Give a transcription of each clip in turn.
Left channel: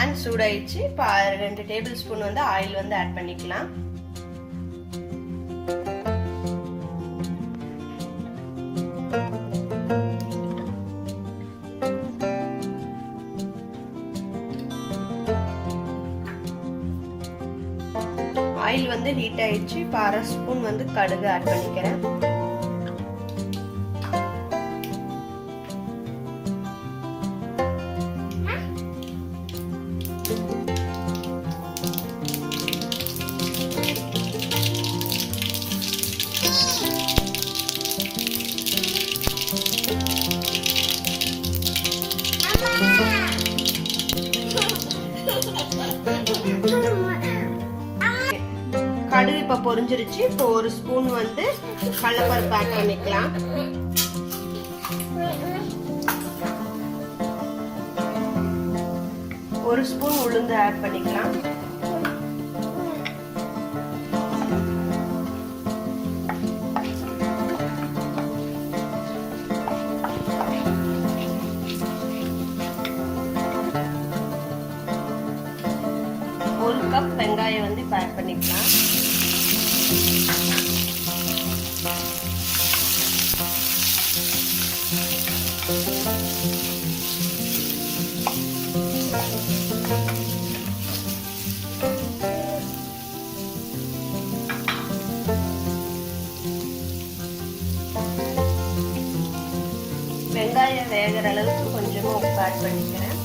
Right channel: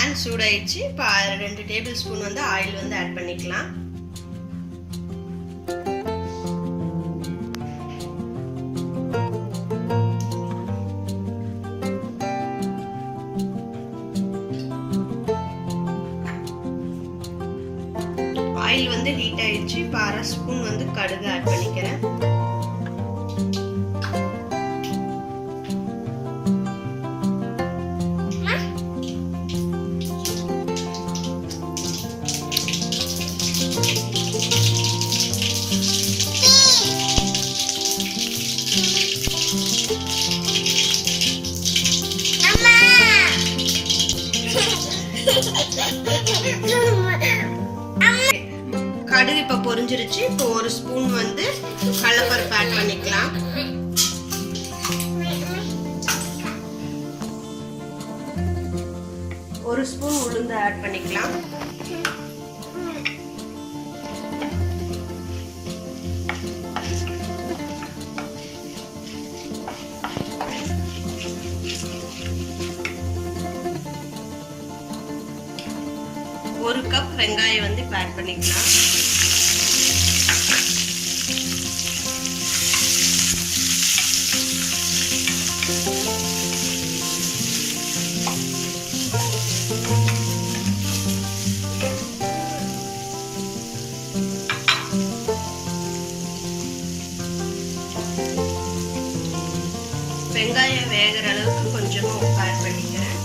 pan சூடாயிடுச்சு. இப்போ 2 table spoon வந்து ஆயில் வந்து ஆட் பண்ணிக்கலாம். ஆயில் வந்து ஹீட் ஆயிடுச்சு. இப்போ 1/2 ஸ்பூன் வந்து கடுகு ஆட் பண்ணிக்கிறேன். கடுகு இப்போ பொரிஞ்சிருச்சு. இப்போ 1 ஸ்பூன் வந்து கடலைப்பருப்பு ஆட் பண்ணிக்கலாம். ஒரு ஸ்பூன் உளுந்து ஆட் பண்ணிக்கலாம். ஒரு கப் வெங்காயம் வந்து ஆட் பண்ணிக்கலாம். வெங்காயம் வேகிற அளவுக்கு கொஞ்சமா உப்பு ஆட் பண்ணிக்கிறேன்.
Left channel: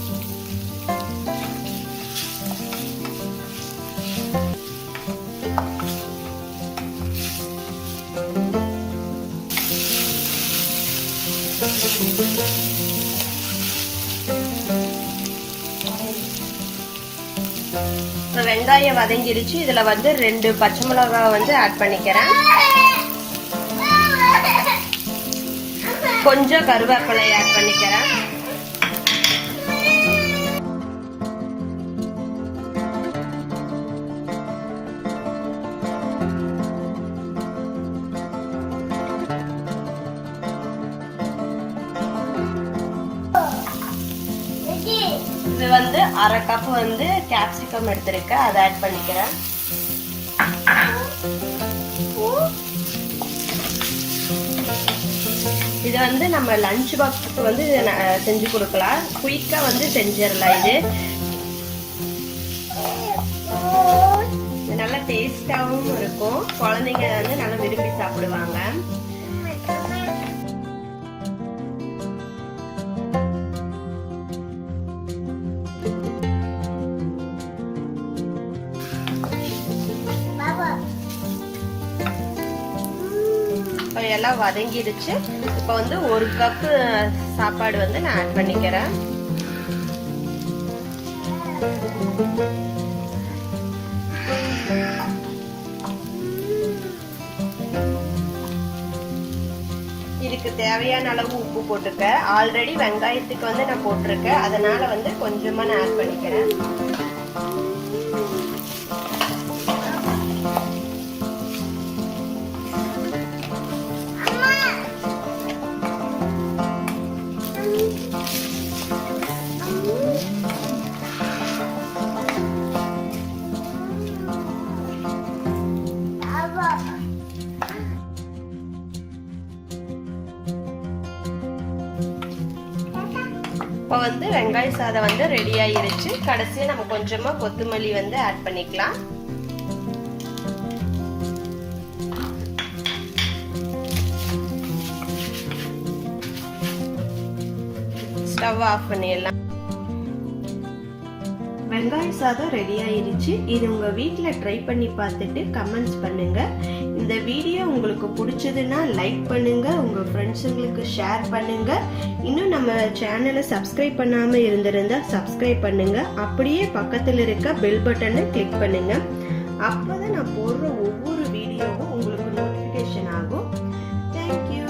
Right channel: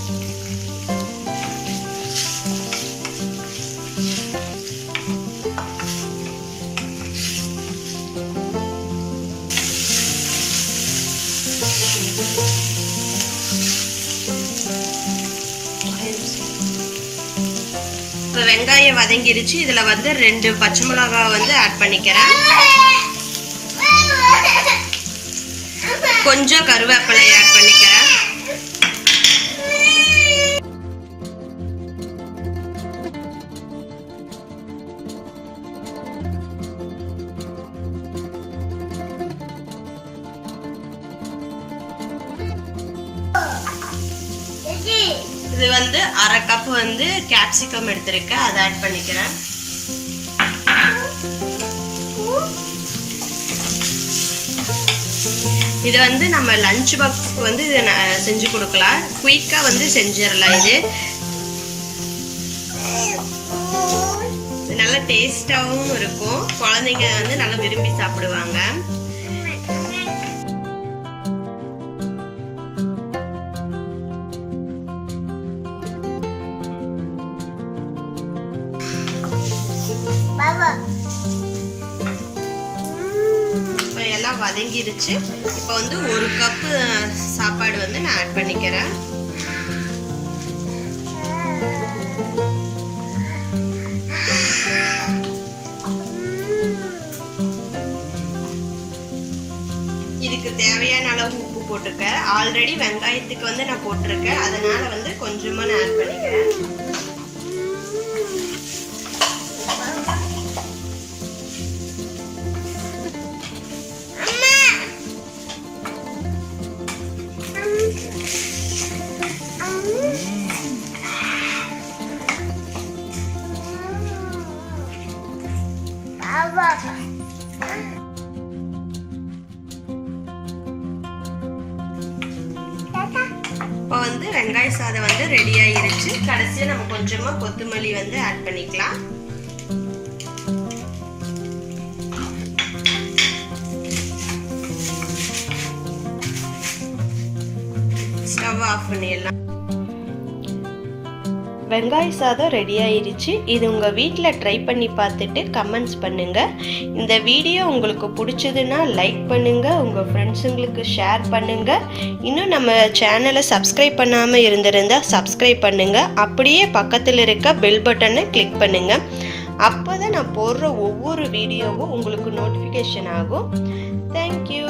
இப்போ வெங்காயம் வதங்கிடுச்சு. இதுல வந்து 2 பச்சை மிளகாய் வந்து ஆட் பண்ணிக்கிறேன். கொஞ்சம் கருவேப்பிலை ஆட் பண்ணிக்கிறேன். இது வந்து 1/2 கப் வந்து capsicum எடுத்திருக்கேன். அதை ஆட் பண்ணிக்கிறேன். இது வந்து நம்ம லஞ்ச் பாக்ஸ்க்கு வந்து செஞ்சு கொடுக்கலாம். குயிக்கா வந்து செஞ்சிடலாம். இது நல்ல டேஸ்டாவும் இருக்கும். குழந்தைங்க வந்து நல்லா விரும்பி சாப்பிடுவாங்க. எல்லாம் வதங்கிருச்சு. இப்போ வந்து 1 கப் சாப்பாடு வந்து நான் ஆட் பண்ணிக்கிறேன். இதுக்கு தேவையான அளவு உப்பு போட்டுருக்கேன். ஆல்ரெடி வெங்காயத்துக்கு வந்து நான் போட்டிருக்கேன். அதனால வந்து கொஞ்சமா நான் ஆட் பண்ணிக்கிறேன். இப்போ வந்து வெங்காய சாதம் வந்து ரெடி ஆயிருச்சு. கடைசியா நம்ம கொஞ்சமா கொத்தமல்லி வந்து ஆட் பண்ணிக்கலாம். ஸ்டவ் ஆஃப் பண்ணிடலாம். வெங்காய சாதம் ரெடி ஆயிருச்சு. இது உங்கள் வீட்டில் ட்ரை பண்ணி பார்த்துட்டு கமெண்ட்ஸ் பண்ணுங்கள். இந்த வீடியோ உங்களுக்கு பிடிச்சதுன்னா லைக் பண்ணுங்கள், உங்கள் ஃப்ரெண்ட்ஸுங்களுக்கு ஷேர் பண்ணுங்கள். இன்னும் நம்ம சேனலை சப்ஸ்கிரைப் பண்ணாமல் இருந்திருந்தால் சப்ஸ்கிரைப் பண்ணுங்கள். அப்படியே பக்கத்தில் இருக்க பெல் பட்டனை கிளிக் பண்ணுங்கள். அப்போ தான் நான் போடுற ஒவ்வொரு வீடியோவும் உங்களுக்கு நோட்டிஃபிகேஷன் ஆகும். தேங்க்யூ.